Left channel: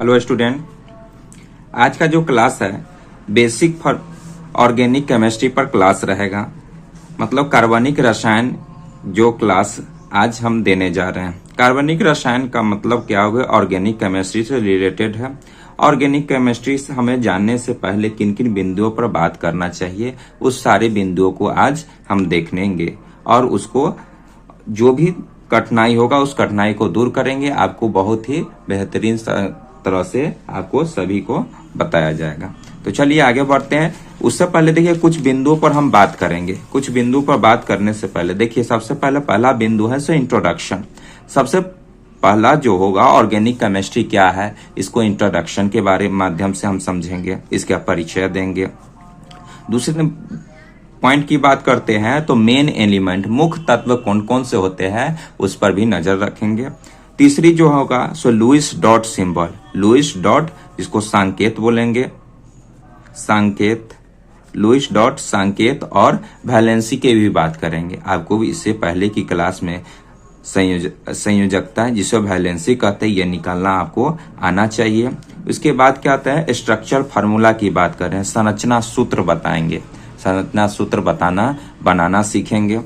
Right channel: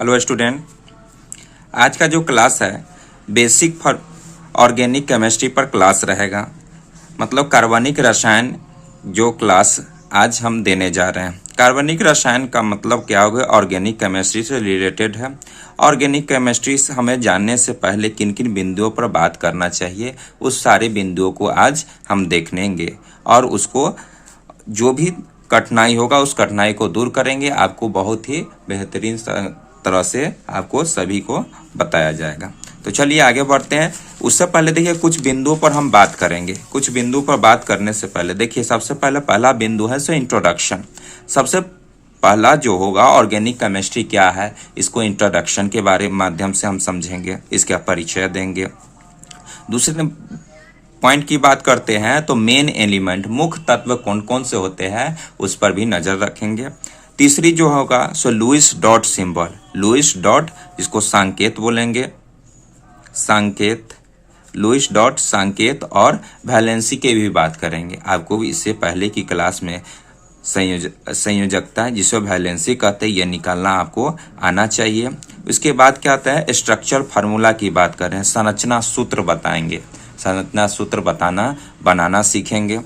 Hello student, आज का जो क्लास है बेसिक फॉर ऑर्गेनिक केमिस्ट्री पर क्लास रहेगा। मतलब कार्बनिक रसायन जो क्लास आज हम देने जा रहे हैं। कार्बनिक रसायन का मतलब क्या होगा? ऑर्गेनिक केमिस्ट्री से रिलेटेड है। ऑर्गेनिक केमिस्ट्री से हमें जानने से पहले किन किन बिंदुओं पर बात करना चाहिए, उस सारे बिंदुओं को आज हम देखेंगे और उसको जो भी कठिनाई होगा उस कठिनाई को दूर करेंगे। आपको बहुत ही बेहतरीन तरह से आपको सभी को बताया जाएगा। तो चलिए आगे बढ़ते हैं। उससे पहले देखिए कुछ बिंदुओं पर हम बात करेंगे। कुछ बिंदु पर बात करने से पहले देखिए सबसे पहले पहला बिंदु है सो इंट्रोडक्शन। सबसे पहला जो होगा ऑर्गेनिक केमिस्ट्री क्या है, इसको इंट्रोडक्शन के बारे माध्यम से हम समझेंगे, इसका परिचय देंगे। दूसरे पॉइंट की बात करते हैं तो मेन एलिमेंट मुख्य तत्व कौन कौन से होते हैं उस पर भी नजर रखेंगे। तीसरी जो होगा सो Lewis dot symbol, Lewis dot जिसको संकेत बोलेंगे, संकेत, लुईस डॉट संकेत और वैलेंसी की भी बात करेंगे। आपको इससे पहले की क्लास में संयोजकता जिसे वैलेंसी कहते हैं ये निकालना आपको आना चाहिए। उसके बाद क्या आता है स्ट्रक्चर फार्मूला की बात करें, संरचना सूत्र बताएंगे, संरचना सूत्र बनाना सीखेंगे।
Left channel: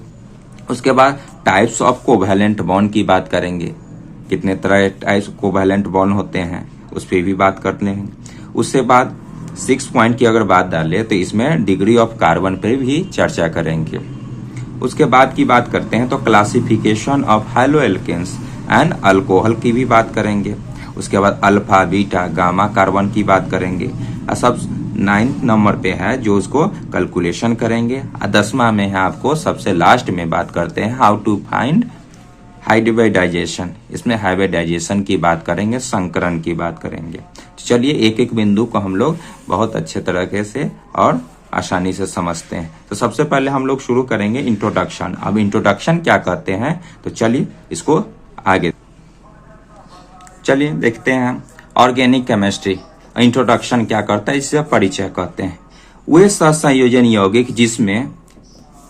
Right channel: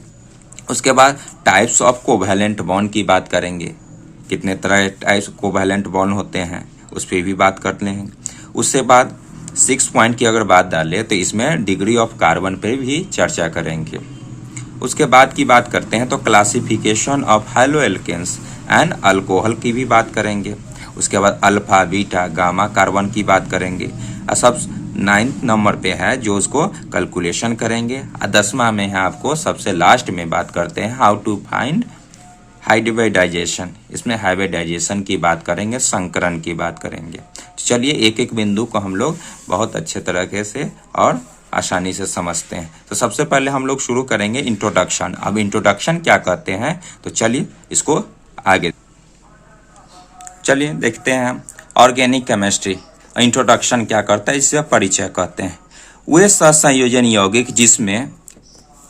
उसके बाद टाइप्स ऑफ कोवैलेंट बॉन्ड की बात करेंगे, कितने तरह टाइप्स कोवैलेंट बॉन्ड होते हैं उस पर भी बात करते हैं। उसके बाद 6 पॉइंट की अगर बात डाले तो इसमें डिग्री ऑफ कार्बन पे भी चर्चा करेंगे। उसके बाद की बात करते हैं तो क्लासिफिकेशन ऑफ हाइड्रोएल्केन्स एंड अल्कोहल की भी बात करेंगे। उसके बाद अल्फा बीटा गामा कार्बन की बात करेंगे। और सब 9th नंबर पे है जो उसको कैलकुलेशन करेंगे। 10वां में है आपको सबसे लास्ट में बात करते हैं हाउ टू फाइंड हाइब्रिडाइजेशन। इसमें हाइब्रिडाइजेशन की बात करेंगे, संकरण की बात करेंगे। चलिए एक एक बिंदु को हम लोग बहुत अच्छे तरीके से और आसानी से समझते हैं। तो सबसे पहले हम लोग शुरू करेंगे इंट्रोडक्शन। अब इंट्रोडक्शन क्या कहते हैं तो चलिए इसको आगे चलिए देखते हैं। ऑर्गेनिक केमिस्ट्री इंट्रोडक्शन क्या करता है, इससे परिचय कहते हैं। वे सहसंयोजन यौगिक जिसमें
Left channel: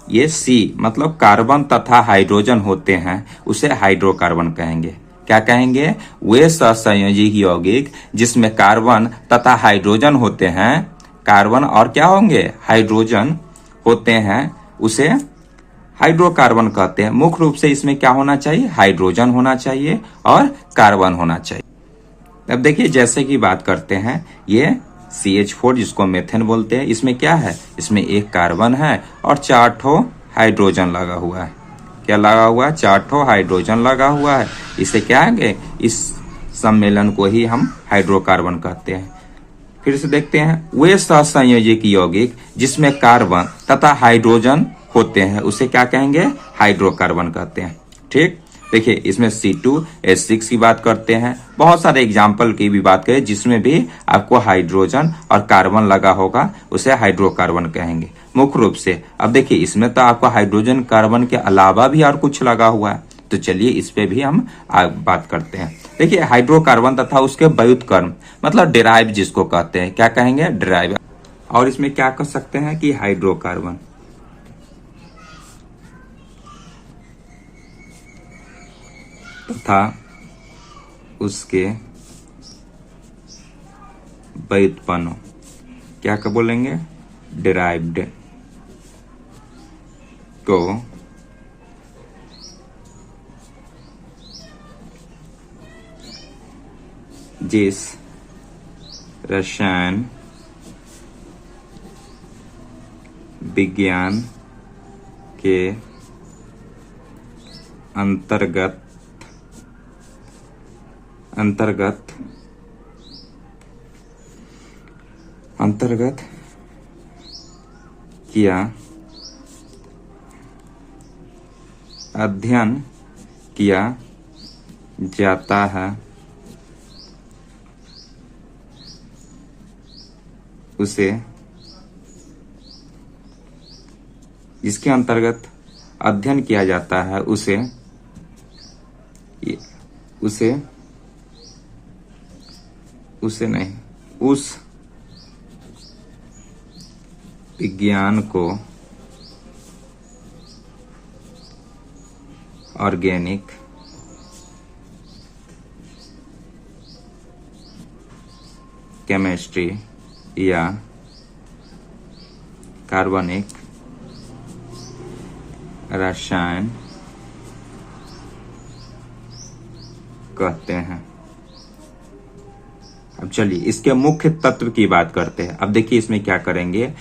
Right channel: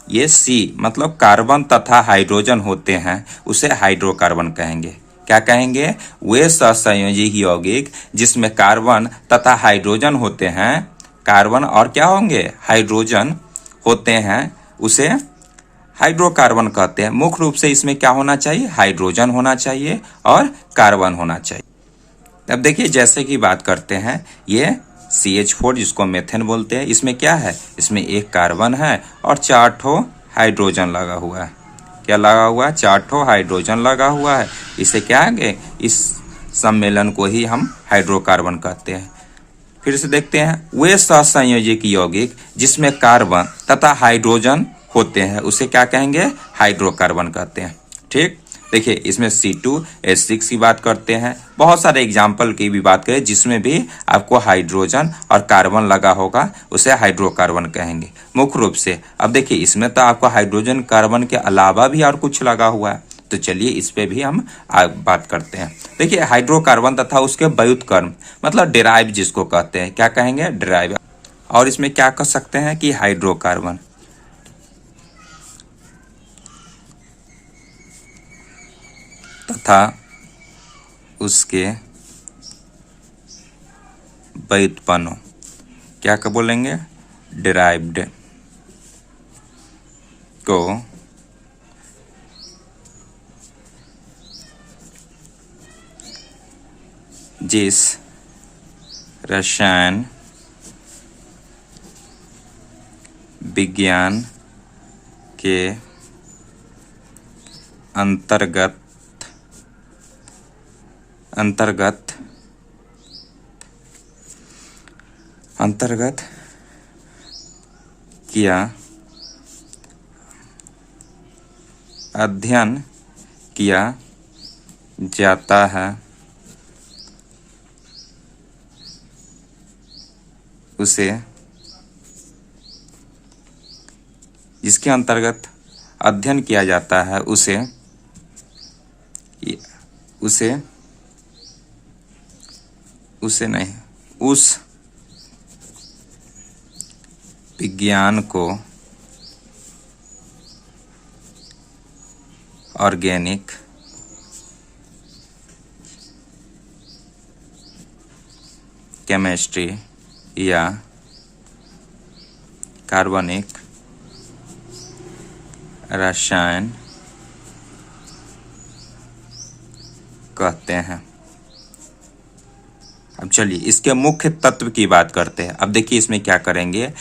ये सी मतलब कार्बन तथा हाइड्रोजन होते हैं उसे हाइड्रोकार्बन कहेंगे। क्या कहेंगे? वे सहसंयोजी यौगिक जिसमें कार्बन तथा हाइड्रोजन होते हैं, कार्बन और क्या होंगे हाइड्रोजन होते हैं, उसे हाइड्रोकार्बन कहते हैं। मुख्य रूप से इसमें क्या होना चाहिए? हाइड्रोजन होना चाहिए और कार्बन होना चाहिए। अब देखिए जैसे कि बात करते हैं ये CH4 जिसको मेथेन बोलते हैं, इसमें क्या है? इसमें एक कार्बन है और 4 ठो हाइड्रोजन लगा हुआ है। क्या लगा हुआ है? 4 ठो हाइड्रोजन लगा हुआ है। इसे क्या है? इस सम्मेलन को ही हम हाइड्रोकार्बन कहते हैं। फिर से देखते हैं वे सहसंयोजक यौगिक जिसमें कार्बन तथा हाइड्रोजन होते हैं उसे क्या कहेंगे? हाइड्रोकार्बन कहते हैं। ठीक, देखिए इसमें C2H6 की बात करते हैं। बहुत सारे एग्जाम्पल की भी बात करें जिसमें भी आपको हाइड्रोजन और कार्बन लगा होगा उसे हाइड्रोकार्बन कहेंगे मुख्य रूप से। अब देखिए इसमें तो आपको हाइड्रोजन कार्बन के अलावा भी और कुछ लगा हुआ है, तो चलिए इस पे भी हम बात करते हैं। देखिए हाइड्रोकार्बन तथा उसके व्युत्क्रम मतलब डेराइव जिसको कहते हैं, क्या कहेंगे? डेराइव। और इसमें क्या कह सकते हैं कि हाइड्रोकार्बन तथा उसके व्युत्पन्न क्या बोलेंगे? डेराइव्ड को जिस रसायन विज्ञान के अंतर्गत किया अध्ययन किया जाता है उसे, जिसके अंतर्गत अध्ययन किया जाता है उसे नहीं, उस विज्ञान को ऑर्गेनिक केमिस्ट्री या कार्बनिक रसायन कहते हैं। अब चलिए इसके मुख्य तत्व की बात करते हैं। अब देखिए इसमें क्या करेंगे,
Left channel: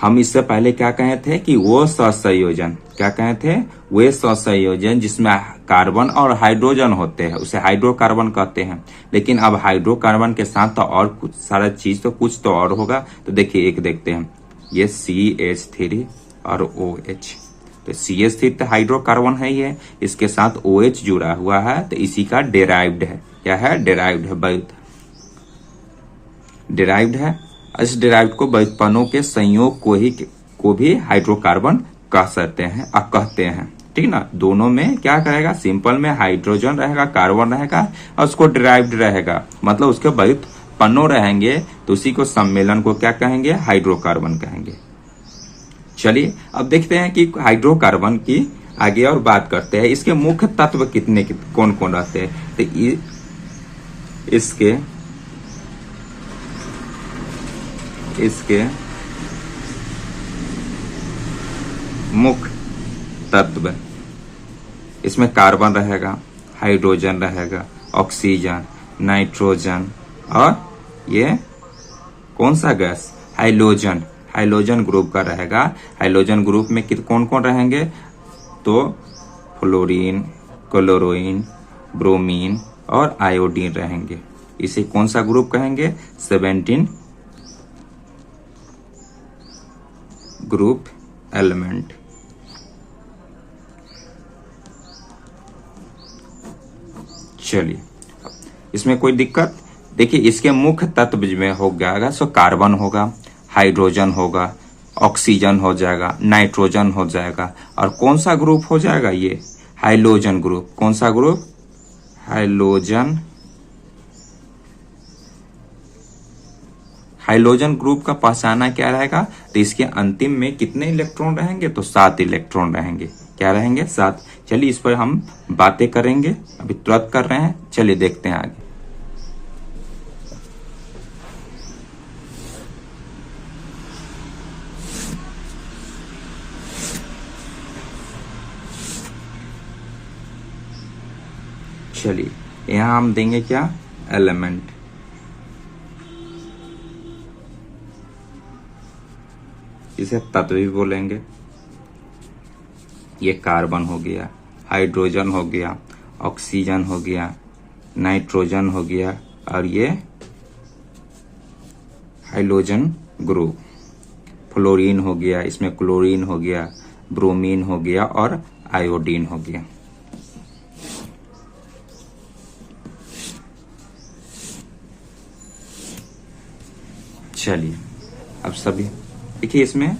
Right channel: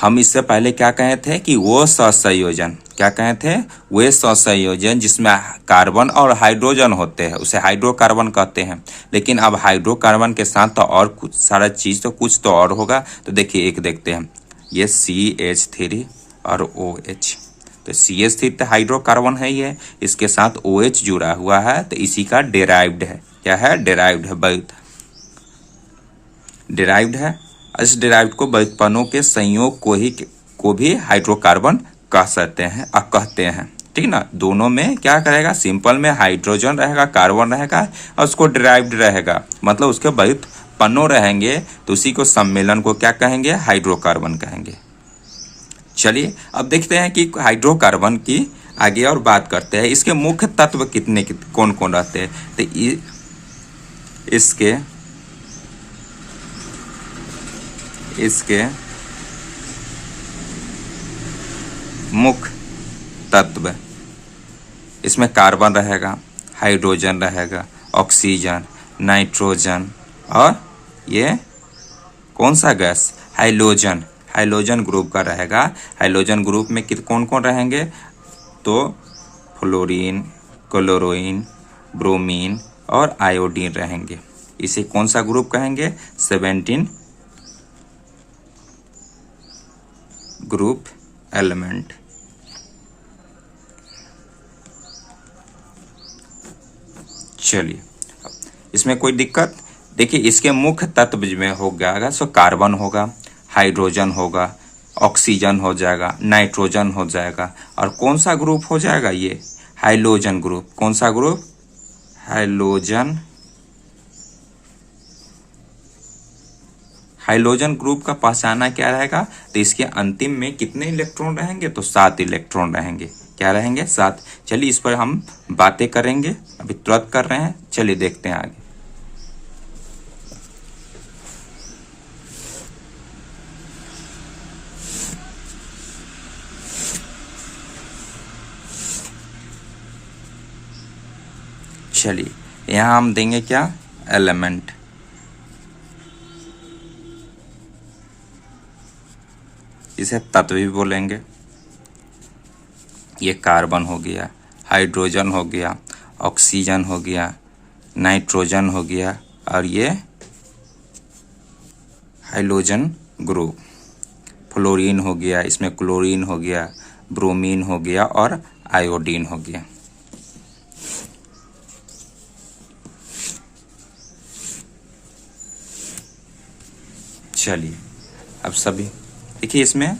हम इससे पहले क्या कहे थे कि वो सहसंयोजन, क्या कहे थे, वे सहसंयोजन जिसमें कार्बन और हाइड्रोजन होते हैं उसे हाइड्रोकार्बन कहते हैं। लेकिन अब हाइड्रोकार्बन के साथ तो और कुछ सारा चीज तो कुछ तो और होगा। तो देखिए एक देखते हैं, ये CH3 और OH। तो CH3 तो हाइड्रोकार्बन है ही है, इसके साथ OH जुड़ा हुआ है तो इसी का डेराइव्ड है। क्या है, डेराइव्ड है, डेराइव्ड है। इस डेराइव्ड को व्युत्पन्नों के संयोग को भी हाइड्रोकार्बन कह सकते हैं कहते हैं, ठीक ना। दोनों में क्या करेगा, सिंपल में हाइड्रोजन रहेगा, कार्बन रहेगा और उसको डेराइव्ड रहेगा, मतलब उसके व्युत्पन्नों रहेंगे तो उसी को सम्मेलन को क्या कहेंगे, हाइड्रोकार्बन कहेंगे। चलिए अब देखते हैं कि हाइड्रोकार्बन की आगे और बात करते हैं। इसके मुख्य तत्व कौन कौन रहते हैं। तो इसके मुख्य तत्व, इसमें कार्बन रहेगा, हाइड्रोजन रहेगा, ऑक्सीजन, नाइट्रोजन और ये कौन सा गैस, हाइलोजन, हाइलोजन ग्रुप का रहेगा। हाइलोजन ग्रुप में कौन कौन रहेंगे, तो फ्लोरीन, क्लोरीन, ब्रोमीन और आयोडीन रहेंगे। इसे कौन सा ग्रुप कहेंगे, 17 ग्रुप एलिमेंट। चलिए इसमें कोई दिक्कत, देखिए इसके मुख्य तत्व में हो जाएगा, सो कार्बन होगा, हाइड्रोजन होगा, ऑक्सीजन हो जाएगा, नाइट्रोजन हो जाएगा और कौन सा ग्रुप हो जाएगा, ये हाइलोजन ग्रुप। कौन सा ग्रुप, हाइलोजन। हाइलोजन ग्रुप का पहचाना क्या रहेगा, तो इसके अंतिम में कितने इलेक्ट्रॉन रहेंगे, तो 7 इलेक्ट्रॉन रहेंगे। क्या रहेंगे, 7। चलिए इस पर हम बातें करेंगे, अभी तुरंत कर रहे हैं, चलिए देखते हैं आगे। चलिए यहां हम देंगे क्या, एलिमेंट। इसे तत्व भी बोलेंगे। ये कार्बन हो गया, हाइड्रोजन हो गया, ऑक्सीजन हो गया, नाइट्रोजन हो गया और ये हाइलोजन ग्रुप। फ्लोरीन हो गया, इसमें क्लोरीन हो गया, ब्रोमीन हो गया और आयोडीन हो गया। चलिए अब सभी देखिए, इसमें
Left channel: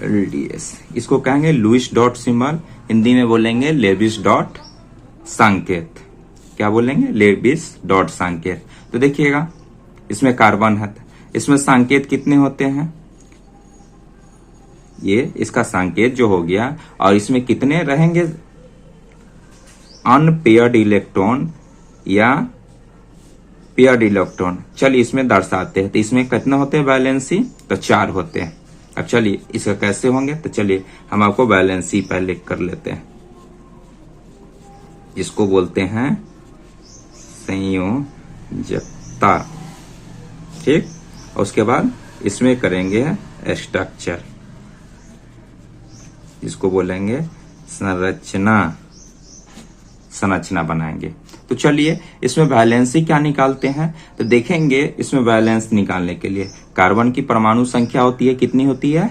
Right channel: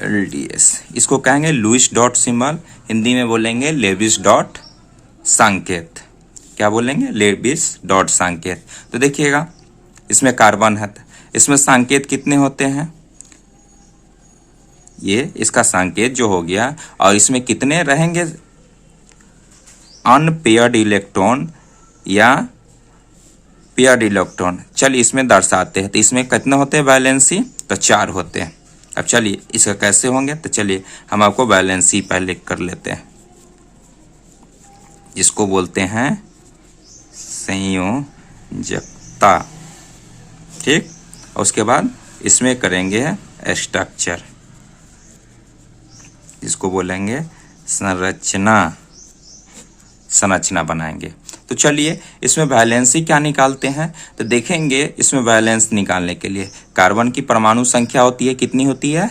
LDS इसको कहेंगे लुईस डॉट सिंबल, हिंदी में बोलेंगे लेविस डॉट संकेत। क्या बोलेंगे, लेविस डॉट संकेत। तो देखिएगा इसमें कार्बन है, इसमें संकेत कितने होते हैं, ये इसका संकेत जो हो गया, और इसमें कितने रहेंगे अनपेयर्ड इलेक्ट्रॉन या पेयर्ड इलेक्ट्रॉन। चलिए इसमें दर्शाते हैं, तो इसमें कितने होते हैं वैलेंसी, तो 4 होते हैं। अब चलिए इसका कैसे होंगे, तो चलिए हम आपको वैलेंसी पहले कर लेते हैं, जिसको बोलते हैं संयोजकता, ठीक। और उसके बाद इसमें करेंगे स्ट्रक्चर, जिसको बोलेंगे संरचना बनाएंगे। तो चलिए इसमें वैलेंसी क्या निकालते हैं, तो देखेंगे इसमें वैलेंस निकालने के लिए कार्बन की परमाणु संख्या होती है, कितनी होती है,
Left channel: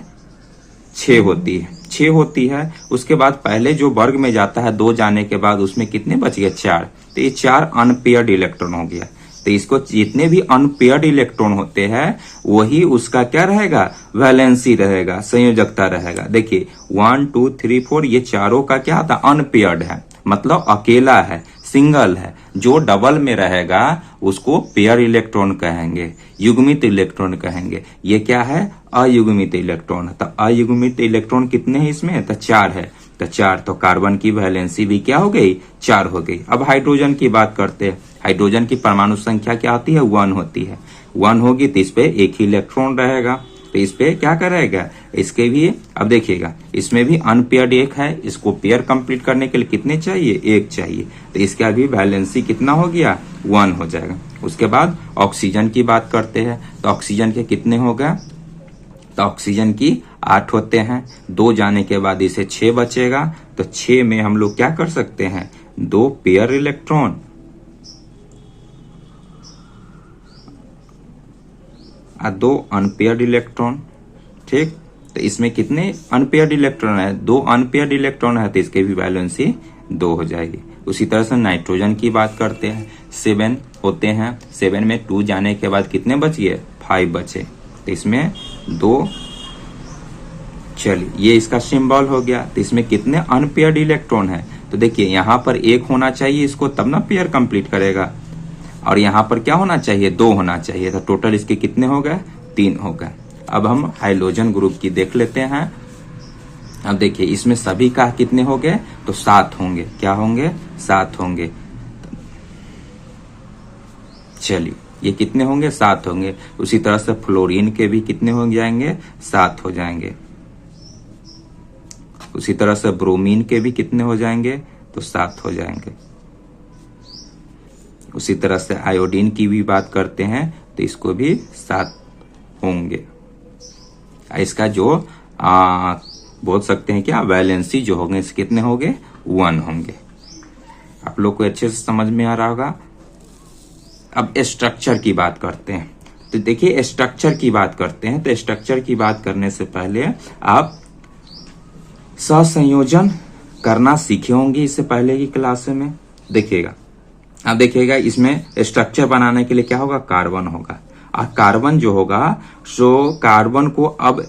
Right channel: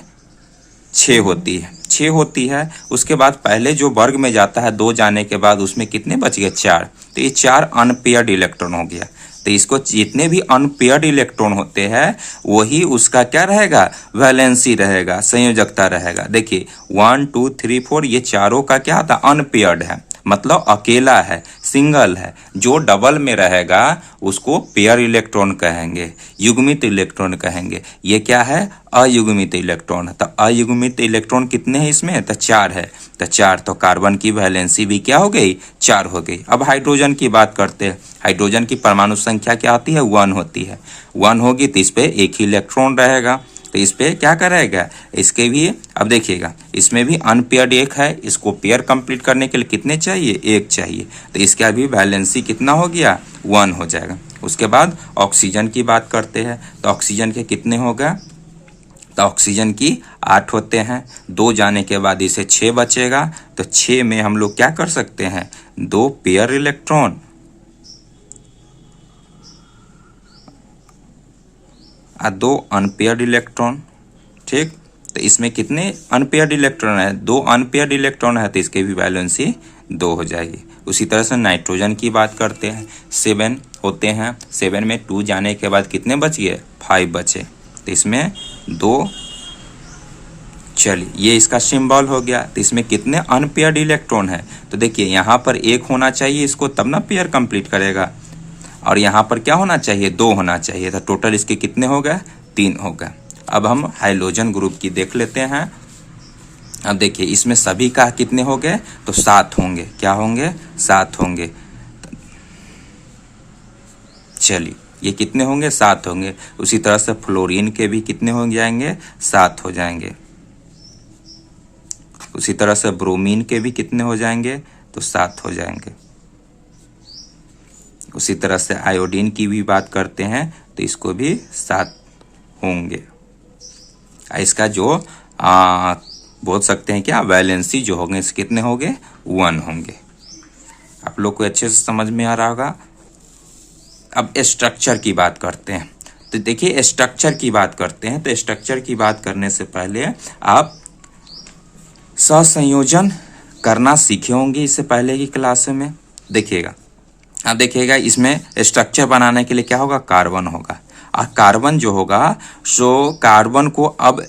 6 होती है, 6 होती है। उसके बाद पहले जो वर्ग में जाता है 2 जाने के बाद उसमें कितने बच गए, 4। तो ये 4 अनपेयर्ड इलेक्ट्रॉन हो गया। तो इसको जितने भी अनपेयर्ड इलेक्ट्रॉन होते हैं वही उसका क्या रहेगा, वैलेंसी रहेगा, संयोजकता रहेगा। देखिए 1 2 3 4 ये चारों का क्या होता है, अनपेयर्ड है, मतलब अकेला है, सिंगल है। जो डबल में रहेगा उसको पेयर इलेक्ट्रॉन कहेंगे, युग्मित इलेक्ट्रॉन कहेंगे। ये क्या है, अयुग्मित इलेक्ट्रॉन है। तो अयुग्मित इलेक्ट्रॉन कितने हैं इसमें, तो 4 है। तो 4, तो कार्बन की वैलेंसी भी क्या हो गई, 4 हो गई। अब हाइड्रोजन की बात करते हैं। हाइड्रोजन की परमाणु संख्या क्या होती है, 1 होती है। 1 होगी तो इस पे एक ही इलेक्ट्रॉन रहेगा, तो इस पे क्या करेगा, इसके भी अब देखिएगा इसमें भी अनपेयर्ड एक है, इसको पेयर कंप्लीट करने के लिए कितने चाहिए, एक चाहिए, तो इसका भी वैलेंसी कितना हो गया, 1 हो जाएगा। उसके बाद ऑक्सीजन की बात करते हैं, तो ऑक्सीजन के कितने होगा, तो ऑक्सीजन की 8 होते हैं, 2 जाने के बाद इसे 6 बचेगा, तो 6 में हम लोग क्या कर सकते हैं, 2 पेयर इलेक्ट्रॉन और 2 अनपेयर्ड इलेक्ट्रॉन। ठीक, तो इसमें कितने अनपेयर्ड इलेक्ट्रॉन है, 2 अनपेयर्ड इलेक्ट्रॉन है, तो इसके भी वैलेंसी 2 हो जाएगी। उसी तरह से नाइट्रोजन की बात करते हैं, 7 होते हैं, 7 में 2 जाने के बाद कितने बच गए, 5 बचे, तो इसमें 2, चलिए ये इसका सिंबल हो गया। तो इसमें कितने अनपेयर्ड इलेक्ट्रॉन है, तो देखिए यहाँ पर 1 होना चाहिए इसको, तब ना पेयर कंप्लीट करेगा, और यहाँ पर क्या होना चाहिए, 2 होना चाहिए था। टोटल इसके कितने हो गए, 3 हो गए। अब हम हाइड्रोजन ग्रुप की देख लेते हैं। अब देखिए इसमें सभी का कितने हो गए, तो 7 होंगे, क्या होंगे, 7 होंगे। चलिए ये कितने होंगे, 7 होंगे। उसी तरह से फ्लोरीन के भी कितने हो जाएंगे, 7 हो जाएंगे। उसी तरह से ब्रोमीन के भी कितने हो जाएंगे, तो 7 हो जाएंगे। उसी तरह से आयोडीन की भी बात करते हैं, तो इसको भी 7 होंगे। इसका जो बोल सकते हैं क्या, वैलेंसी जो होंगे इसके कितने होंगे, 1 होंगे। आप लोग को अच्छे से समझ में आ रहा होगा। अब स्ट्रक्चर की बात करते हैं, तो देखिए स्ट्रक्चर की बात करते हैं, तो स्ट्रक्चर की बात करने से पहले आप सहसंयोजन करना सीखे होंगे इससे पहले की क्लास में। देखिएगा, अब देखिएगा इसमें स्ट्रक्चर बनाने के लिए क्या होगा, कार्बन होगा, और कार्बन जो होगा सो कार्बन को अब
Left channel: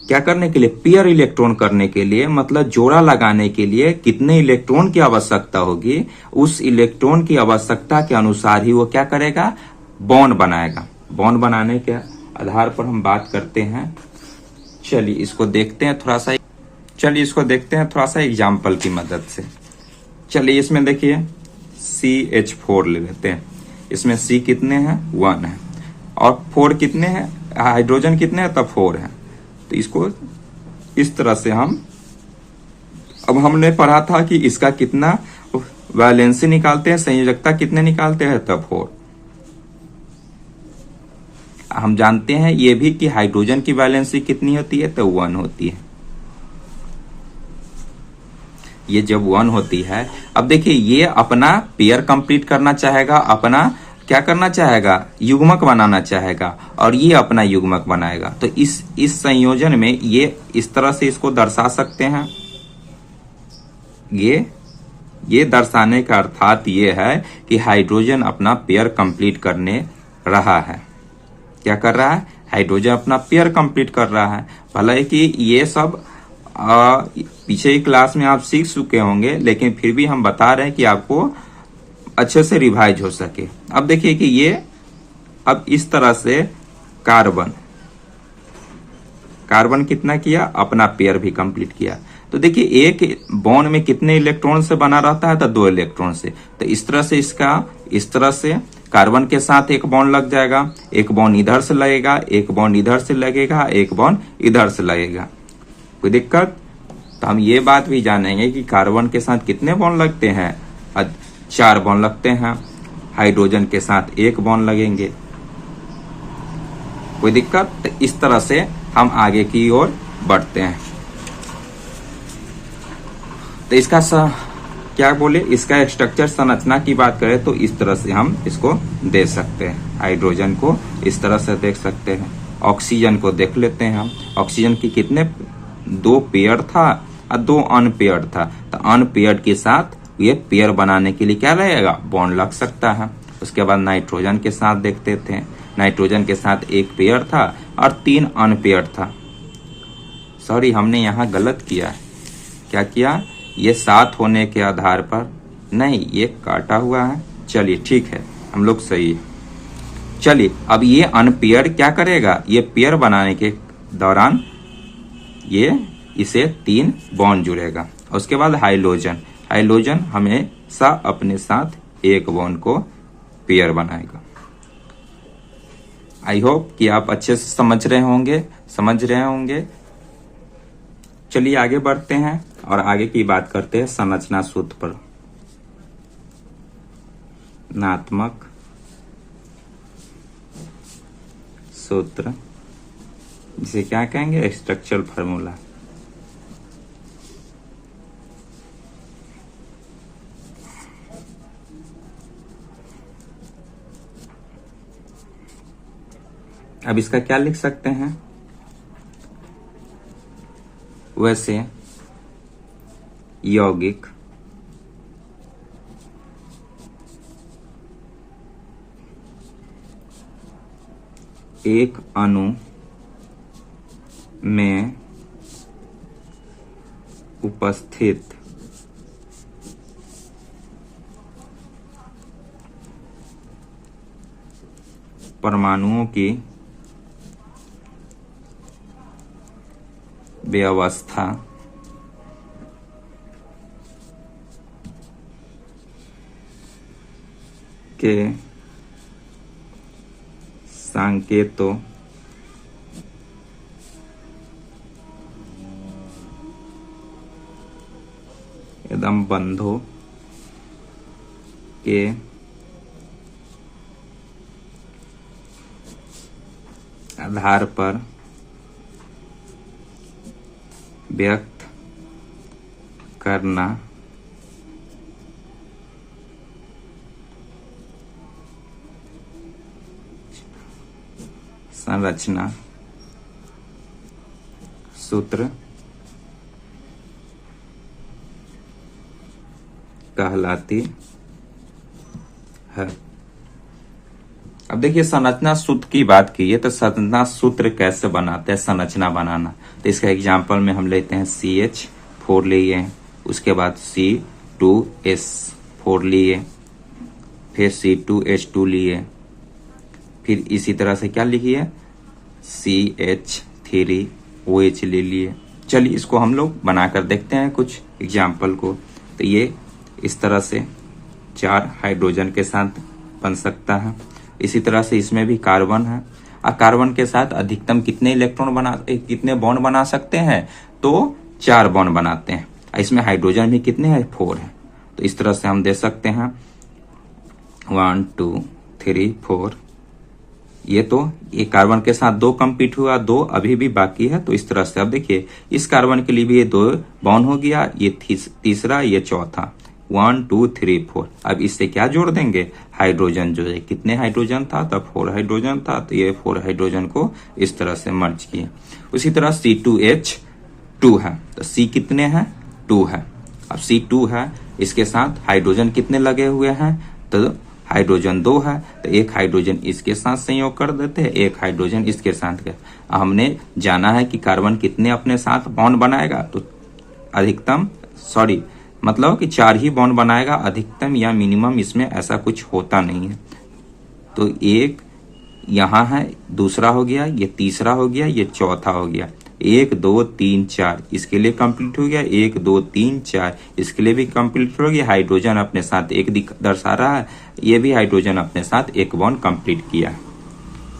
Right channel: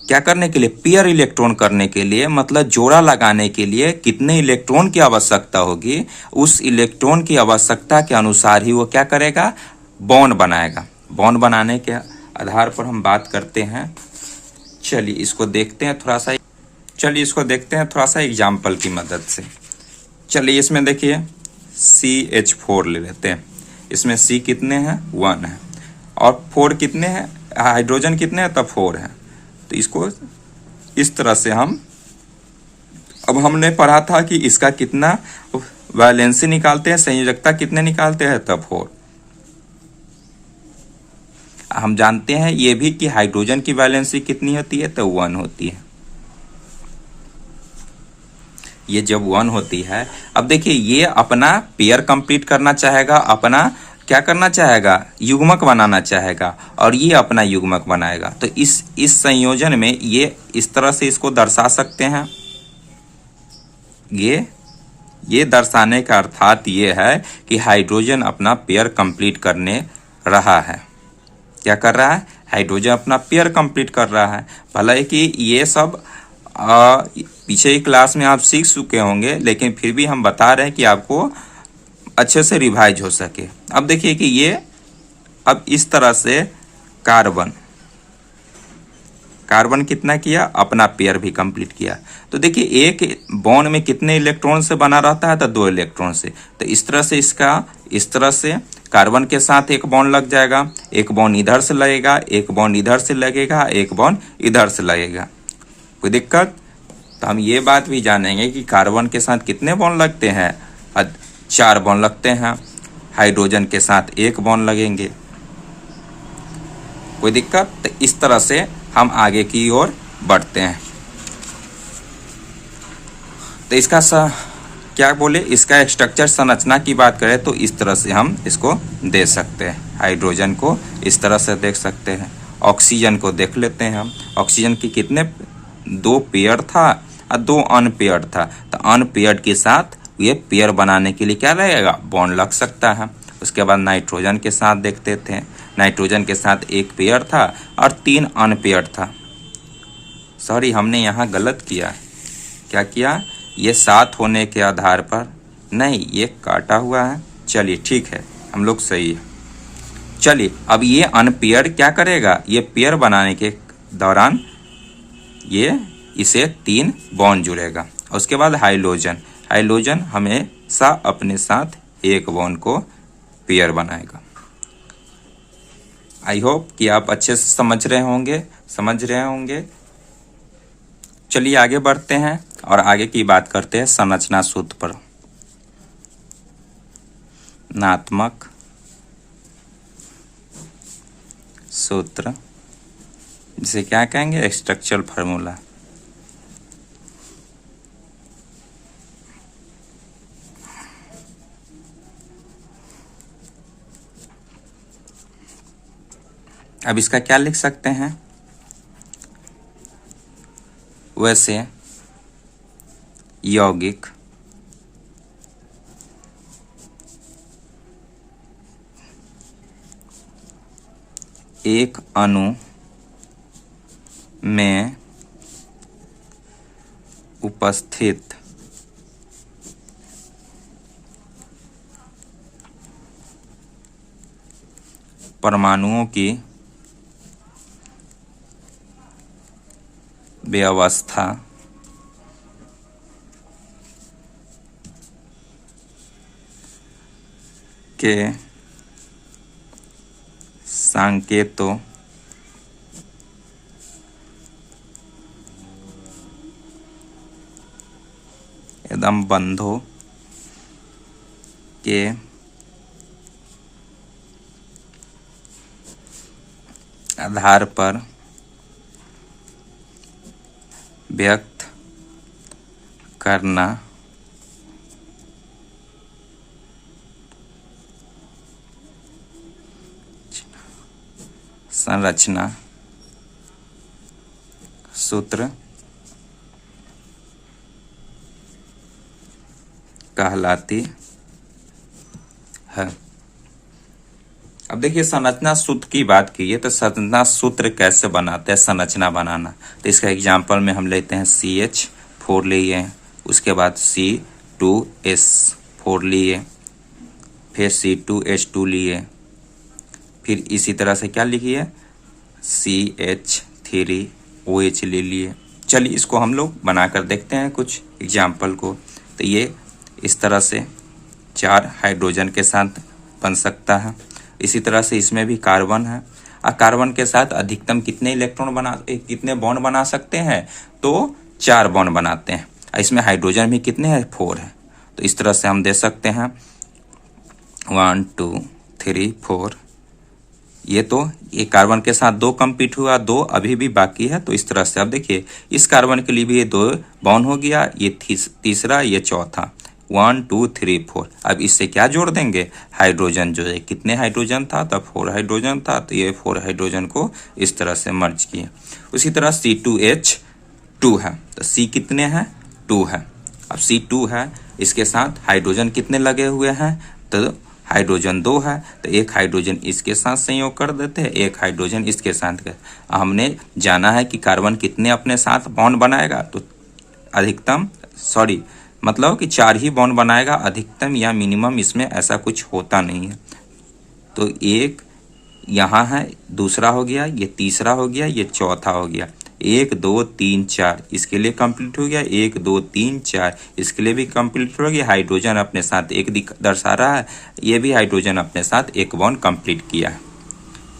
क्या करने के लिए, पेयर इलेक्ट्रॉन करने के लिए, मतलब जोड़ा लगाने के लिए कितने इलेक्ट्रॉन की आवश्यकता होगी, उस इलेक्ट्रॉन की आवश्यकता के अनुसार ही वो क्या करेगा, बॉन्ड बनाएगा। बॉन्ड बनाने के आधार पर हम बात करते हैं। चलिए इसको देखते हैं थोड़ा सा, एग्जाम्पल की मदद से। चलिए इसमें देखिए CH4 ले लेते हैं। इसमें C कितने हैं, 1 है, और 4 कितने हैं, हाइड्रोजन कितने हैं, तब 4 है। तो इसको इस तरह से अब हमने पढ़ा था कि इसका कितना वैलेंसी निकालते हैं, संयोजकता कितने निकालते हैं, तब 4। हम जानते हैं ये भी कि हाइड्रोजन की वैलेंसी कितनी होती है, तो 1 होती है। ये जब 1 होती है, अब देखिए ये अपना पेयर कंप्लीट करना चाहेगा, अपना क्या करना चाहेगा, युग्मक बनाना चाहेगा, और ये अपना युग्मक बनाएगा। तो इस संयोजन में ये इस तरह से इसको दर्शा सकते हैं। ये दर्शाने का अर्थात ये है कि हाइड्रोजन अपना पेयर कंप्लीट करने रहा है। क्या कर रहा है, हाइड्रोजन अपना पेयर कंप्लीट कर रहा है। भले कि ये सब पीछे की क्लास में आप सीख चुके होंगे, लेकिन फिर भी हम बता रहे हैं कि आपको अच्छे से रिवाइज हो सके। अब देखिए कि ये अब इस तरह से कार्बन कितना किया, अपना पेयर भी कंप्लीट किया। तो देखिए एक बॉन्ड में कितने इलेक्ट्रॉन से बना रहता है, तो 2 इलेक्ट्रॉन से। तो इस तरह से कार्बन के साथ एक बॉन्ड लग जाएगा, एक बॉन्ड इधर से लगेगा, एक बॉन्ड इधर से लगेगा, एक बॉन्ड इधर से लगेगा। कोई दिक्कत? तो हम ये बात भी जानेंगे कि कार्बन के साथ कितने बॉन्ड लगते हैं, 4 बॉन्ड लगते हैं। हाइड्रोजन के साथ 1 बॉन्ड लगेंगे। कोई दिक्कत? तो इस तरह से हम आगे की ओर बढ़ते हैं। तो इसका इसका स्ट्रक्चर संरचना की बात करें तो इस तरह से हम इसको दे सकते हैं। हाइड्रोजन को इस तरह से देख सकते हैं। ऑक्सीजन को देख लेते हैं हम। ऑक्सीजन की कितने 2 पेयर था और 2 अनपेयर्ड था। तो अनपेयर्ड के साथ ये पेयर बनाने के लिए क्या लगेगा, बॉन्ड लग सकता है। उसके बाद नाइट्रोजन के साथ देखते थे। नाइट्रोजन के साथ 1 पेयर था और 3 अनपेयर्ड था। सॉरी, हमने यहाँ गलत किया। क्या किया, ये 7 होने के आधार पर नहीं, ये काटा हुआ है। चलिए ठीक है, हम लोग सही है। चलिए अब ये अनपेयर क्या करेगा, ये पेयर बनाने के दौरान ये इसे 3 बॉन्ड जुड़ेगा उसके बाद हाइड्रोजन, हाइड्रोजन हमेशा अपने साथ एक बॉन्ड को पेयर बनाएगा। आई होप कि आप अच्छे से समझ रहे होंगे। चलिए आगे बढ़ते हैं और आगे की बात करते हैं संरचना सूत्र पर। नात्मक सूत्र, जिसे क्या कहेंगे, स्ट्रक्चरल फार्मूला। अब इसका क्या लिख सकते हैं, वैसे यौगिक एक अणु में उपस्थित परमाणुओं की व्यवस्था के संकेतों एकदम बंधों के आधार पर व्यक्त करना संरचना सूत्र कहलाती है। अब देखिए संरचना सूत्र की बात कीजिए तो संरचना सूत्र कैसे बनाते हैं, संरचना बनाना। तो इसका एग्जांपल में हम लेते हैं CH4 लिए, उसके बाद C2S4 लिए, फिर C2H2 लिए, फिर इसी तरह से क्या लिखिए CH3OH ले लिए। चलिए इसको हम लोग बनाकर देखते हैं कुछ एग्जाम्पल को। तो ये इस तरह से 4 हाइड्रोजन के साथ बन सकता है। इसी तरह से इसमें भी कार्बन है, और कार्बन के साथ अधिकतम कितने बॉन्ड बना सकते हैं, तो 4 बॉन्ड बनाते हैं। इसमें हाइड्रोजन भी कितने हैं, 4 है। तो इस तरह से हम दे सकते हैं 1 2 3 4। ये कार्बन के साथ 2 कंप्लीट हुआ, 2 अभी भी बाकी है। तो इस तरह से अब देखिए इस कार्बन के लिए भी ये 2 बॉन्ड हो गया, ये तीसरा, ये चौथा, 1 2 3 4। अब इससे क्या जोड़ देंगे, हाइड्रोजन जो है, कितने हाइड्रोजन था, तब 4 हाइड्रोजन था, तो ये 4 हाइड्रोजन को इस तरह से मर्ज किए। उसी तरह C2H2 है, तो C कितने हैं, 2 है। अब C2 है, इसके साथ हाइड्रोजन कितने लगे हुए हैं, तो हाइड्रोजन 2 है, तो एक हाइड्रोजन इसके साथ संयोग कर देते हैं, एक हाइड्रोजन इसके साथ कर। हमने जाना है कि कार्बन कितने अपने साथ बॉन्ड बनाएगा, तो अधिकतम मतलब कि 4 ही बॉन्ड बनाएगा, अधिकतम या मिनिमम इसमें ऐसा कुछ होता नहीं है। तो एक यहाँ है, दूसरा हो गया, ये तीसरा हो गया, ये चौथा हो गया, 1 2 3 4 इसके लिए कंप्लीट हो गया, 1 2 3 4 इसके लिए भी कंप्लीट हो गया। हाइड्रोजन अपने साथ एक दर्शा रहा है, ये भी हाइड्रोजन अपने साथ एक बॉन्ड कंप्लीट किया है,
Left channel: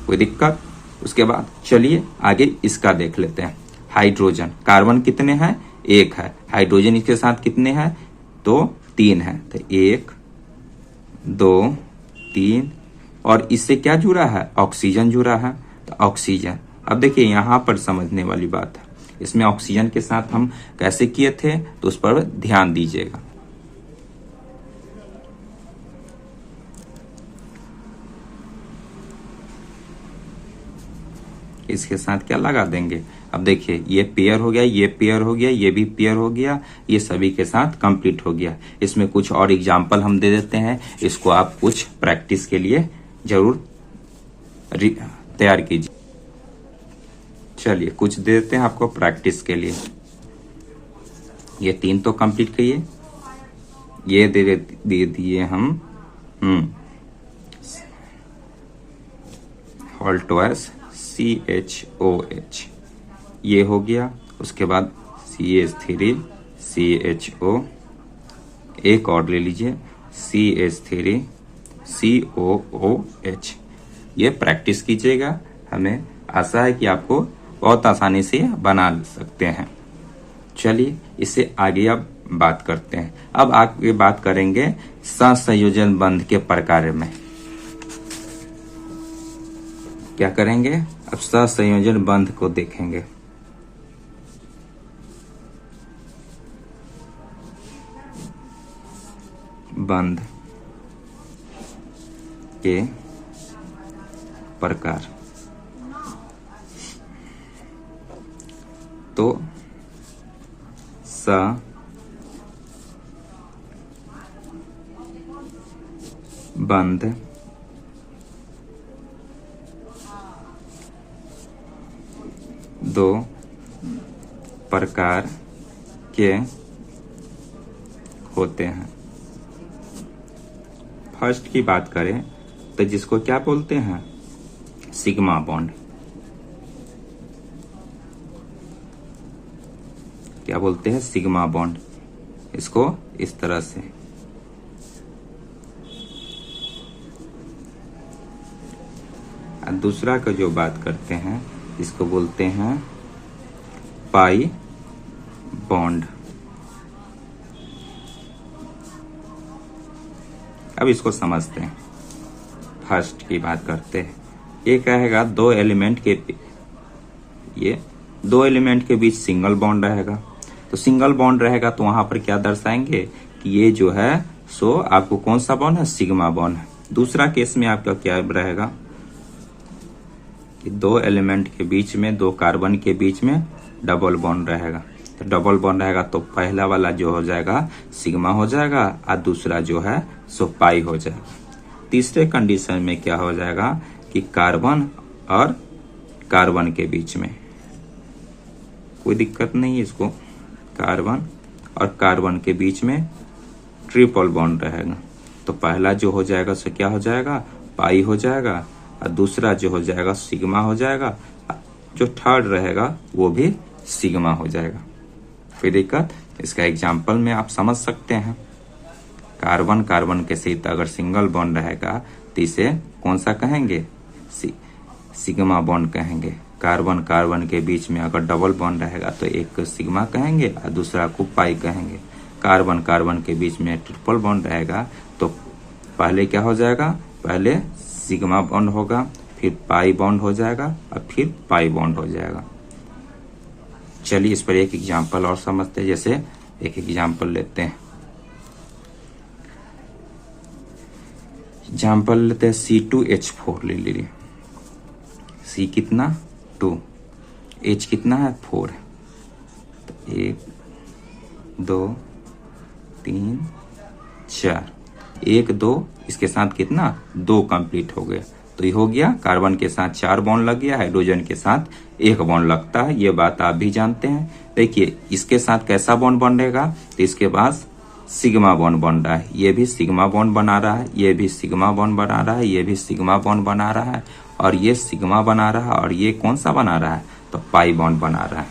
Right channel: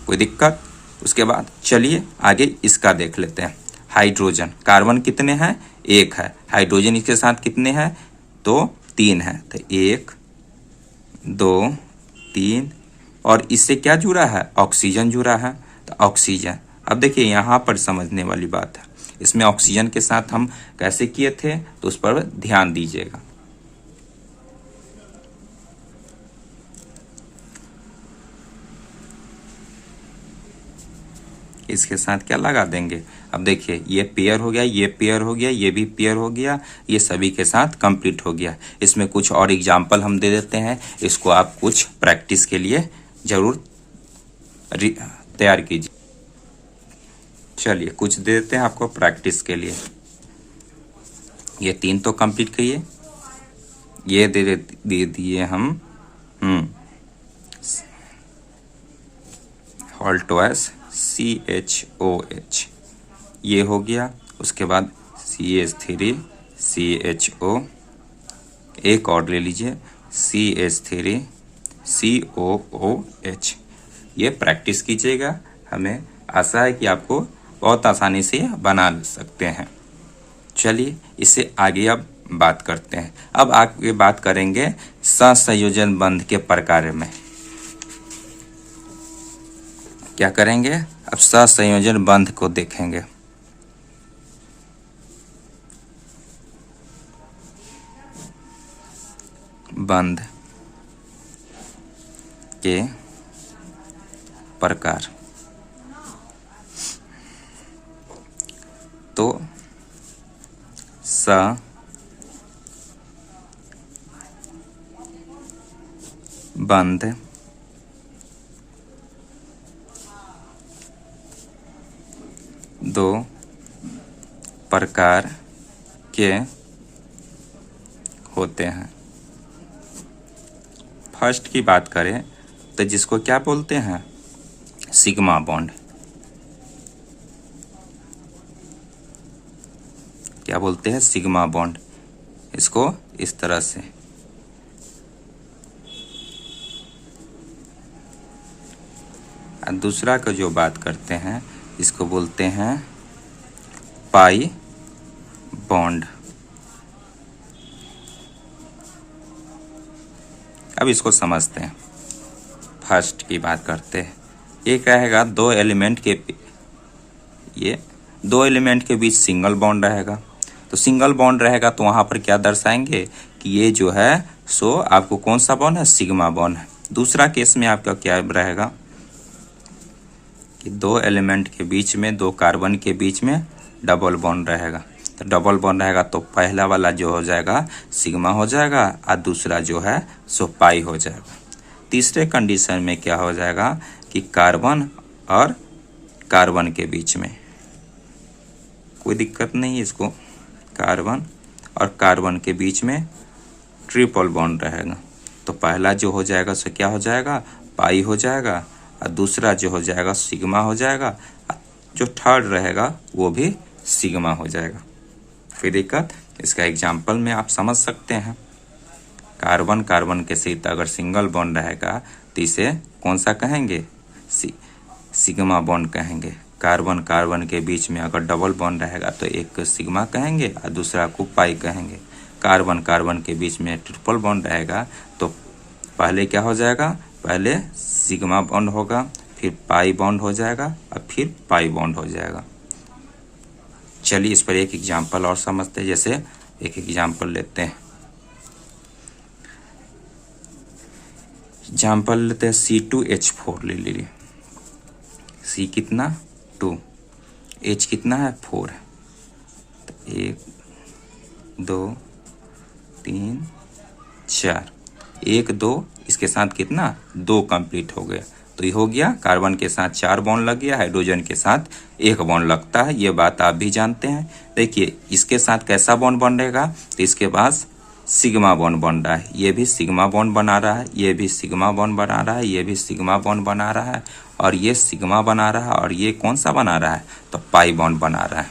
कोई दिक्कत। उसके बाद चलिए आगे इसका देख लेते हैं। हाइड्रोजन, कार्बन कितने हैं, 1 है, हाइड्रोजन इसके साथ कितने हैं, तो 3 है, तो 1 2 3, और इससे क्या जुड़ा है, ऑक्सीजन जुड़ा है, तो ऑक्सीजन। अब देखिए यहाँ पर समझने वाली बात है, इसमें ऑक्सीजन के साथ हम कैसे किए थे, तो उस पर ध्यान दीजिएगा। इसके साथ क्या लगा देंगे, अब देखिए ये पेयर हो गया, ये पेयर हो गया, ये भी पेयर हो गया, ये सभी के साथ कंप्लीट हो गया। इसमें कुछ और एग्जाम्पल हम दे देते हैं, इसको आप कुछ प्रैक्टिस के लिए जरूर तैयार कीजिए। चलिए कुछ दे देते हैं आपको प्रैक्टिस के लिए। ये 3 तो कंप्लीट किए, ये दे दिए हम हॉल्टवाइस CHOH, ये हो गया। उसके बाद CH3 CHO, एक और ले लीजिए CH3 COOH। ये प्रैक्टिस कीजिएगा, हमें आशा है कि आपको बहुत आसानी से बना सकते हैं। चलिए इससे आगे अब बात करते हैं। अब आगे बात करेंगे सहसंयोजन बंध के प्रकार में। क्या करेंगे? अब सहसंयोजन बंध को देखेंगे। बंध के प्रकार। तो बंध दो प्रकार के होते हैं। फर्स्ट की बात करें तो जिसको क्या बोलते हैं? Sigma bond. क्या बोलते हैं? Sigma bond. इसको इस तरह से। और दूसरा का जो बात करते हैं इसको बोलते हैं पाई बॉन्ड। अब इसको समझते हैं। फर्स्ट की बात करते हैं। ये कहेगा दो एलिमेंट के बीच सिंगल बॉन्ड रहेगा। तो सिंगल बॉन्ड रहेगा तो वहां पर क्या दर्शाएंगे कि ये जो है सो आपको कौन सा बॉन्ड है? सिग्मा बॉन्ड है। दूसरा केस में आपका क्या रहेगा कि दो एलिमेंट के बीच में, दो कार्बन के बीच में डबल बॉन्ड रहेगा। तो डबल बॉन्ड रहेगा तो पहला वाला जो हो जाएगा सिग्मा हो जाएगा और दूसरा जो है सो पाई हो जाएगा। तीसरे कंडीशन में क्या हो जाएगा कि कार्बन और कार्बन के बीच में कोई दिक्कत नहीं है, इसको कार्बन और कार्बन के बीच में ट्रिपल बॉन्ड रहेगा। तो पहला जो हो जाएगा सो क्या हो जाएगा? पाई हो जाएगा और दूसरा जो हो जाएगा सिग्मा हो जाएगा। जो थर्ड रहेगा वो भी सिग्मा हो जाएगा। कोई दिक्कत? इसका एग्जाम्पल में आप समझ सकते हैं। कार्बन कार्बन के साथ अगर सिंगल बॉन्ड रहेगा तो इसे कौन सा कहेंगे? सिग्मा बॉन्ड कहेंगे। कार्बन कार्बन के बीच में अगर डबल बॉन्ड रहेगा तो एक को सिग्मा कहेंगे और दूसरा को पाई कहेंगे। कार्बन कार्बन के बीच में ट्रिपल बॉन्ड रहेगा तो पहले क्या हो जाएगा? पहले सिग्मा बॉन्ड होगा, फिर पाई बॉन्ड हो जाएगा और फिर पाई बॉन्ड हो जाएगा। चलिए इस पर एक एग्जाम्पल और समझते हैं। जैसे एक एग्जाम्पल लेते हैं। एग्जाम्पल लेते हैं C2H4 ले लीजिए। C कितना? 2, H कितना है? 4 है। तो 1 2 3 4, 1 2 इसके साथ कितना? 2 कंप्लीट हो गए। तो ये हो गया कार्बन के साथ 4 बॉन्ड लग गया, हाइड्रोजन के साथ 1 बॉन्ड लगता है। ये बात आप भी जानते हैं। देखिए इसके साथ कैसा बॉन्ड बनेगा? तो इसके पास सिग्मा बॉन्ड बन रहा है। ये भी सिग्मा बॉन्ड बना रहा है, ये भी सिग्मा बॉन्ड बना रहा है, ये भी सिग्मा बॉन्ड बना रहा है और ये सिग्मा बना रहा है और ये कौन सा बना रहा है? तो पाई बॉन्ड बना रहा है।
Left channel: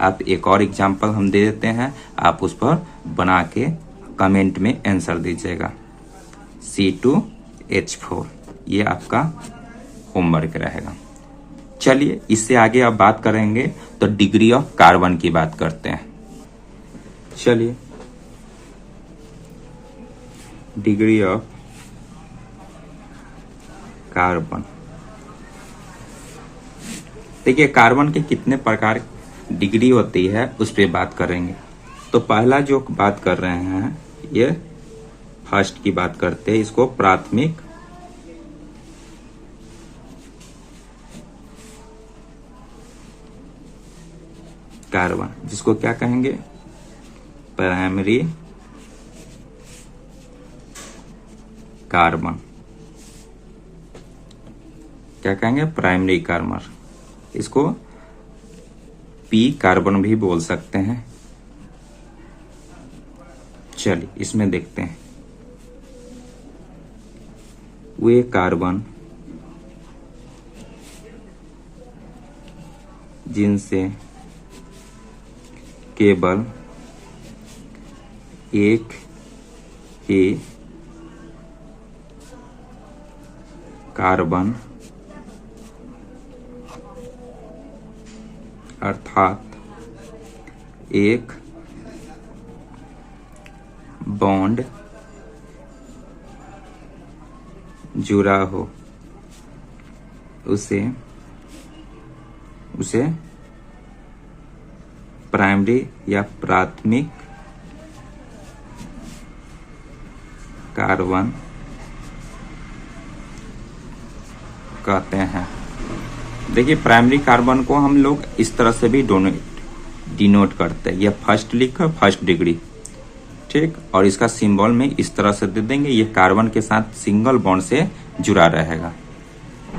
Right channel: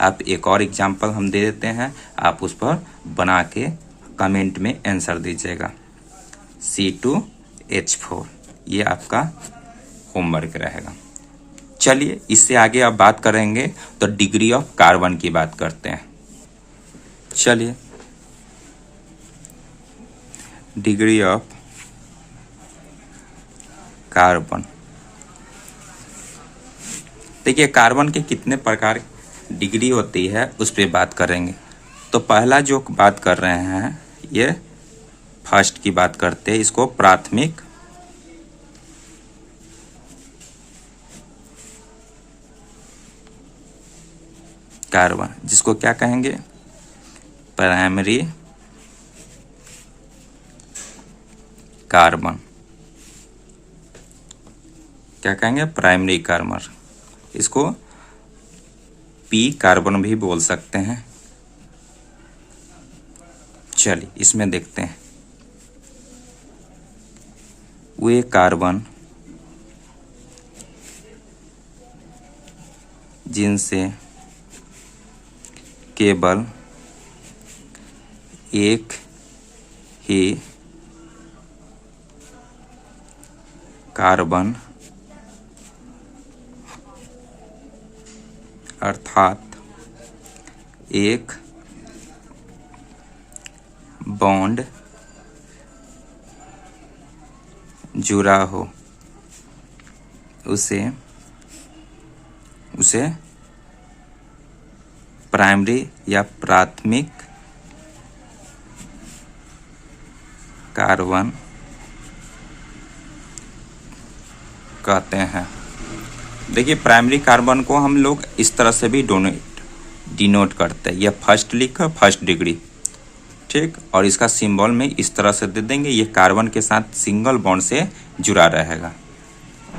आप एक और एग्जाम्पल हम दे देते हैं, आप उस पर बना के कमेंट में आंसर दीजिएगा। C2H4 ये आपका होमवर्क रहेगा। चलिए इससे आगे आप बात करेंगे तो डिग्री ऑफ कार्बन की बात करते हैं। चलिए डिग्री ऑफ कार्बन। देखिए कार्बन के कितने प्रकार डिग्री होती है उस पर बात करेंगे। तो पहला जो बात कर रहे हैं ये फर्स्ट की बात करते हैं, इसको प्राथमिक कार्बन, जिसको क्या कहेंगे? Primary carbon. क्या कहेंगे? Primary carbon. इसको पी कार्बन भी बोल सकते हैं। चलिए इसमें देखते हैं। वे कार्बन जिनसे केवल एक ही कार्बन अर्थात एक बॉन्ड जुड़ा हो उसे प्राइमरी या प्राथमिक कार्बन कहते हैं। देखिए, प्राइमरी कार्बन को हम लोग इस तरह से भी डिनोट करते हैं। यह फर्स्ट लिखा, फर्स्ट डिग्री, ठीक, और इसका सिंबल में इस तरह से दे देंगे। ये कार्बन के साथ सिंगल बॉन्ड से जुड़ा रहेगा,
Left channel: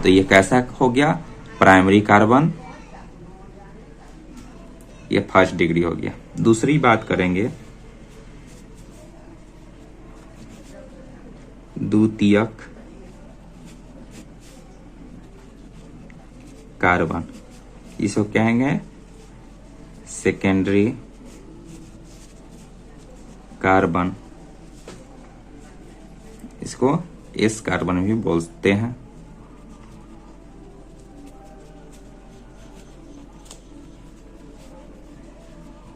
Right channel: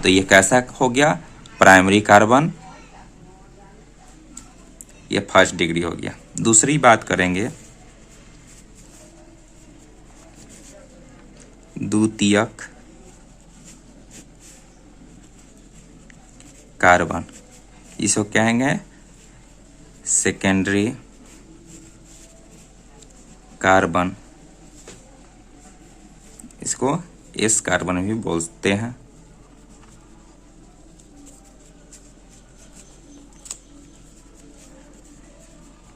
तो ये कैसा हो गया, प्राइमरी कार्बन। ये फर्स्ट डिग्री हो गया। दूसरी बात करेंगे द्वितीयक कार्बन, इसको कहेंगे सेकेंडरी कार्बन। इसको एस कार्बन भी बोलते हैं।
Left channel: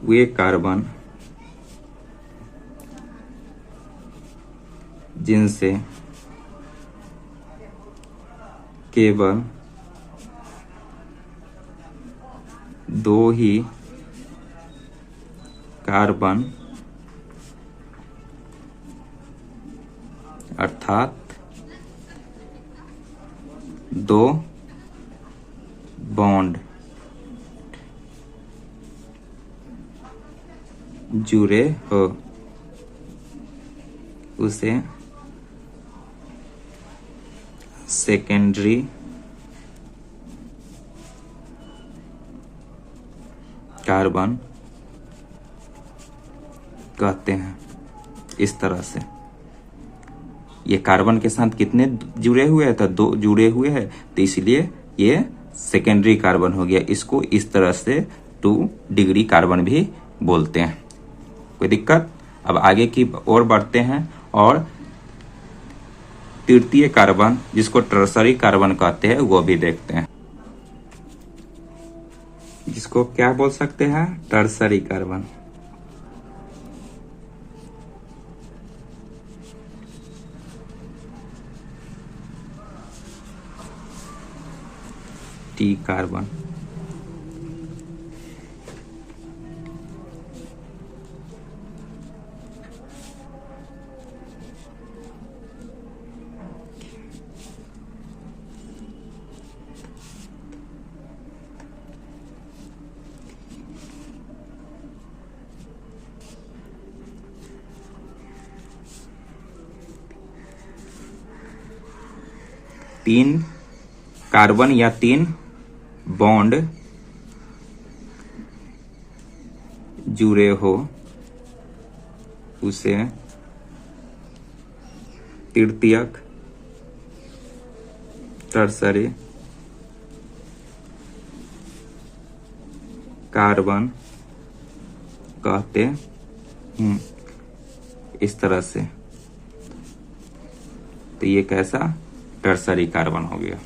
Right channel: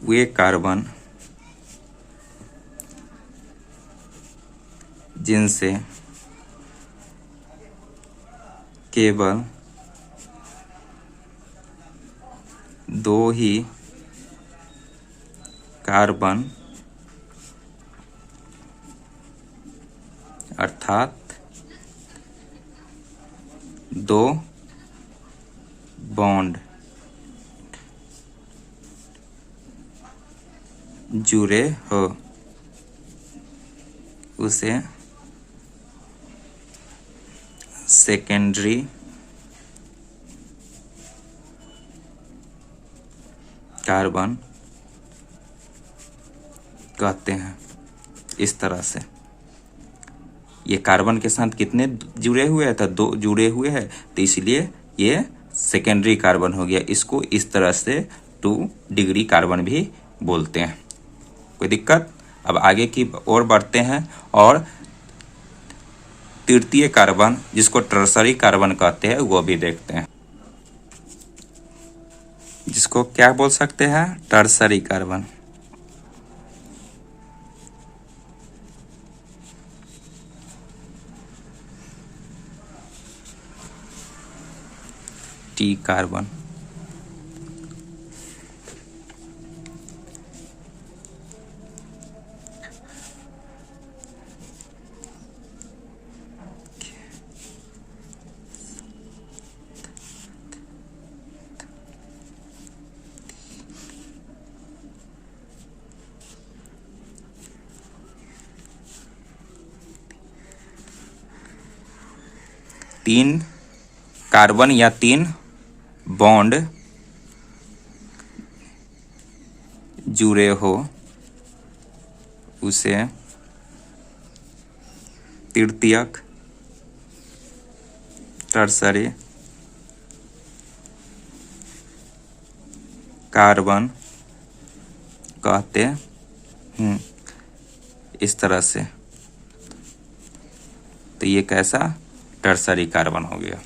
वे कार्बन जिनसे केवल दो ही कार्बन अर्थात दो बॉन्ड जुड़े हो उसे सेकेंडरी कार्बन कहते हैं। इस तरह से ये कार्बन के साथ कितने जुड़े हुए हैं, तो दो जुड़े हुए हैं, तो इसलिए ये सेकेंडरी कार्बन हो गया। इसको इस तरह से 2 डिग्री कार्बन भी बोलते हैं। कोई दिक्कत? अब आगे की ओर बढ़ते हैं और तृतीय कार्बन, जिसको टर्सरी कार्बन कहते हैं, वो भी देखते हैं। जिसको क्या बोल सकते हैं, टर्सरी कार्बन। T carbon. तीन कार्बन या 3 बॉन्ड जुड़े हो उसे तृतीयक टर्सरी कार्बन कहते हैं। इस तरह से, तो ये कैसा, टर्सरी कार्बन हो गया।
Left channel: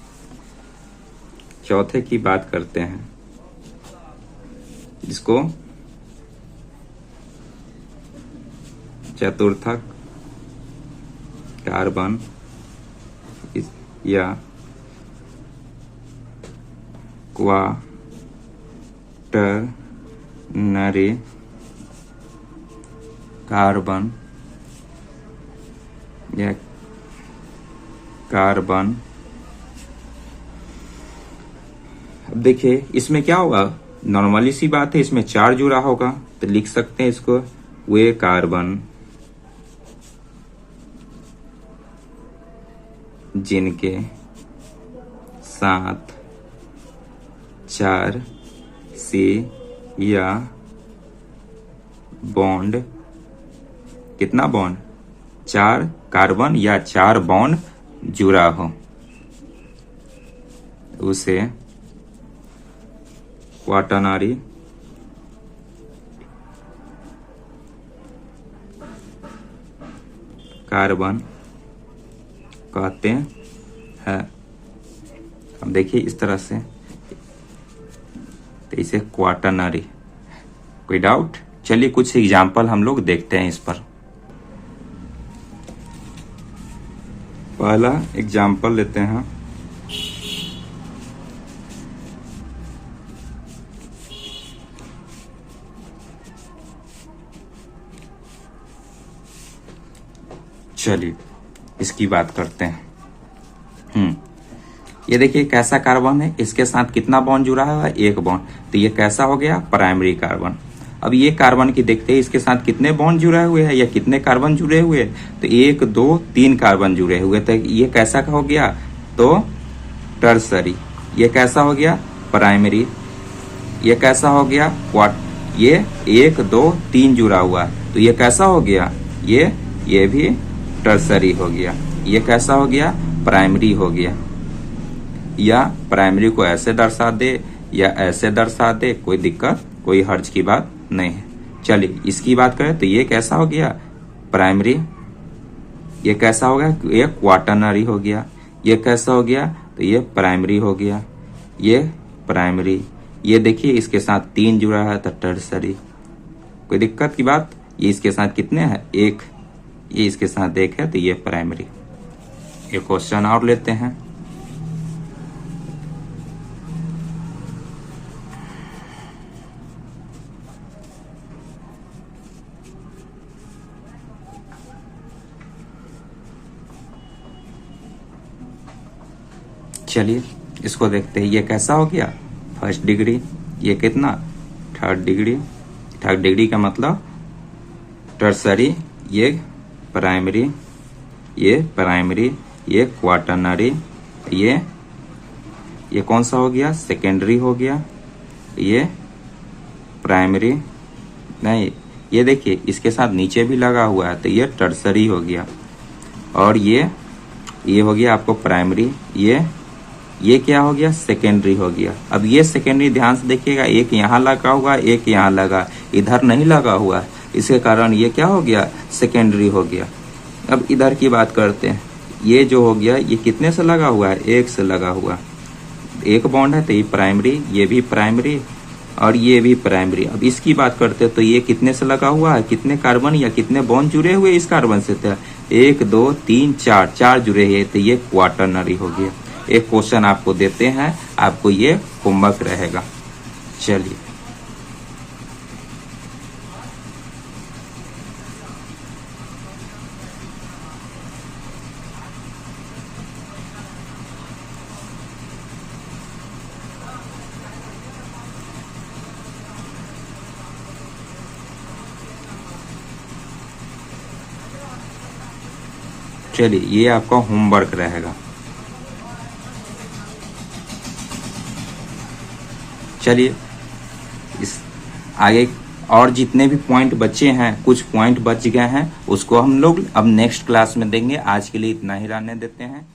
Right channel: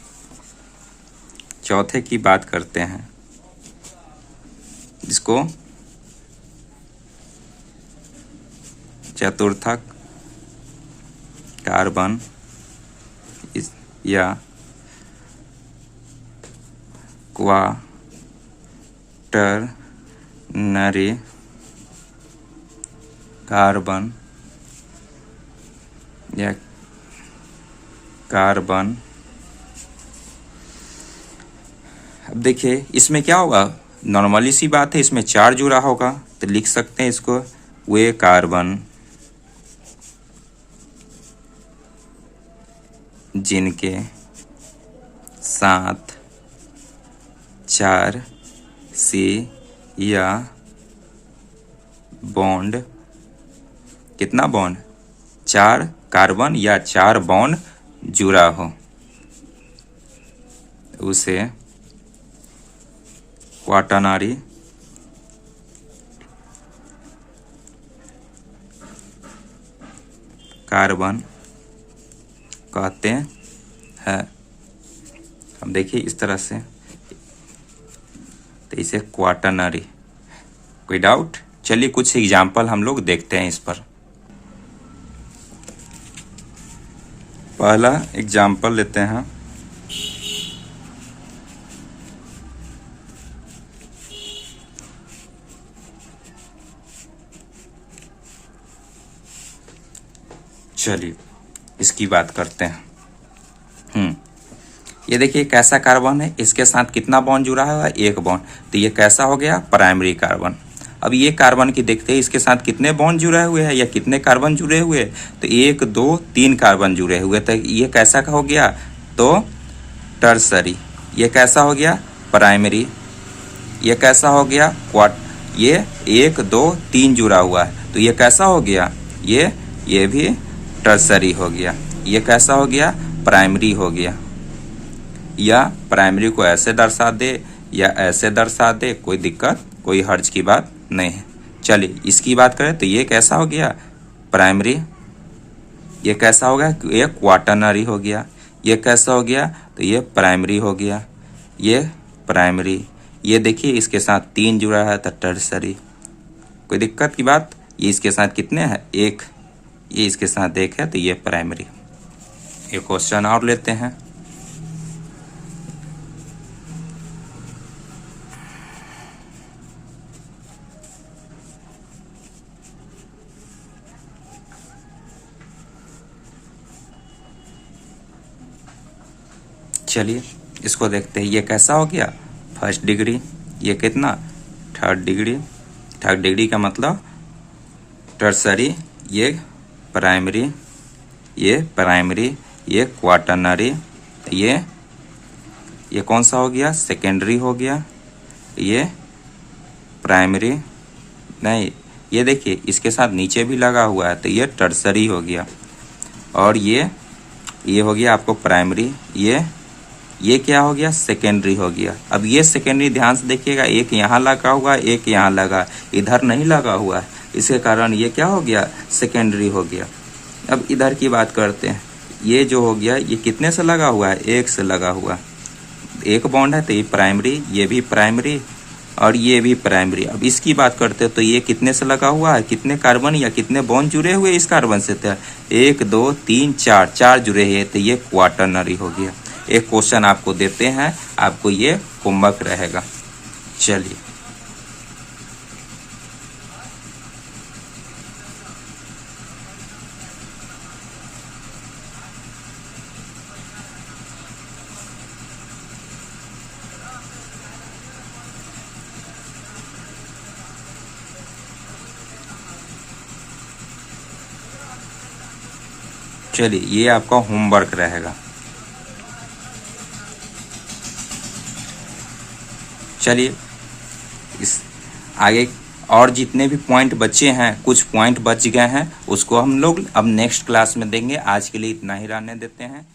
चौथे की बात करते हैं, जिसको चतुर्थक कार्बन या क्वाटरनरी कार्बन या कार्बन। अब देखिए, इसमें क्या होगा, नॉर्मली सी बात है, इसमें 4 जुड़ा होगा, तो लिख सकते हैं इसको वे कार्बन जिनके साथ 4 से या बॉन्ड, कितना बॉन्ड, 4 कार्बन या 4 बॉन्ड जुड़ा हो उसे क्वाटरनरी कार्बन कहते हैं। अब देखिए इस तरह से, तो इसे क्वाटरनरी। कोई डाउट? चलिए कुछ एग्जाम्पल हम लोग देखते हैं इस पर। पहला एग्जाम्पल लेते हैं। चलिए इसकी बात करते हैं। ये देखिए कैसा कार्बन है, इसके साथ कितना बॉन्ड जुड़ा हुआ है? एक बॉन्ड। तो ये कैसा हो गया? Primary carbon. अब ये कार्बन की देखते हैं इसके साथ कितने बॉन्ड जुड़े हुए हैं या कितने कार्बन जुड़े हुए हैं? तो 1 2 3 कार्बन जुड़े हुए। तो ये कैसा हो गया? तो टर्सरी। ये कैसा हो गया? प्राइमरी। ये कैसा हो गया? क्वाट। ये 1 2 3 जुड़ा हुआ है, तो ये कैसा हो गया? ये भी टर्सरी हो गया। ये कैसा हो गया? प्राइमरी हो गया। या प्राइमरी को ऐसे दर्शा दे या ऐसे दर्शा दे, कोई दिक्कत, कोई हर्ज की बात नहीं। चलिए इसकी बात करें तो ये कैसा हो गया? प्राइमरी। ये कैसा हो गया? ये क्वाटरनरी हो गया। ये कैसा हो गया? तो ये प्राइमरी हो गया। ये प्राइमरी। ये देखिए इसके साथ 3 जुड़ा है तो टर्सरी। कोई दिक्कत की बात? ये इसके साथ कितने हैं? 1। ये इसके साथ 1 है तो ये प्राइमरी। ये क्वेश्चन और लेते हैं। चलिए इसको देखते हैं। ये कैसा हो गया? First degree. ये कितना? Third degree. थर्ड डिग्री का मतलब टर्सरी। ये प्राइमरी। ये प्राइमरी। ये क्वाटरनरी। ये कौन सा हो गया? सेकेंडरी हो गया। ये प्राइमरी नहीं, ये देखिए इसके साथ नीचे भी लगा हुआ है तो ये टर्सरी हो गया। और ये हो गया आपको प्राइमरी। ये क्या हो गया? सेकेंडरी हो गया। अब ये सेकेंडरी ध्यान से देखिएगा, एक यहाँ लगा हुआ है, एक यहाँ लगा, इधर नहीं लगा हुआ है, इसके कारण ये क्या हो गया? सेकेंडरी हो गया। अब इधर की बात करते हैं। ये जो हो गया ये कितने से लगा हुआ है? 1 से लगा हुआ। 1 बॉन्ड है तो ये प्राइमरी, ये भी प्राइमरी और ये भी प्राइमरी। अब इसकी बात करते हैं तो ये कितने से लगा हुआ है? कितने कार्बन या कितने बॉन्ड जुड़े हुए इस कार्बन से? 1 2 3 4 जुड़े हैं तो ये क्वाटरनरी हो गया। एक क्वेश्चन आपको देते हैं, आपको ये होमवर्क रहेगा। चलिए ये आपका होमवर्क रहेगा। चलिए इस आगे और जितने भी पॉइंट बचे हैं, कुछ पॉइंट बच गए हैं, उसको हम लोग अब नेक्स्ट क्लास में देंगे। आज के लिए इतना ही रहने देते हैं।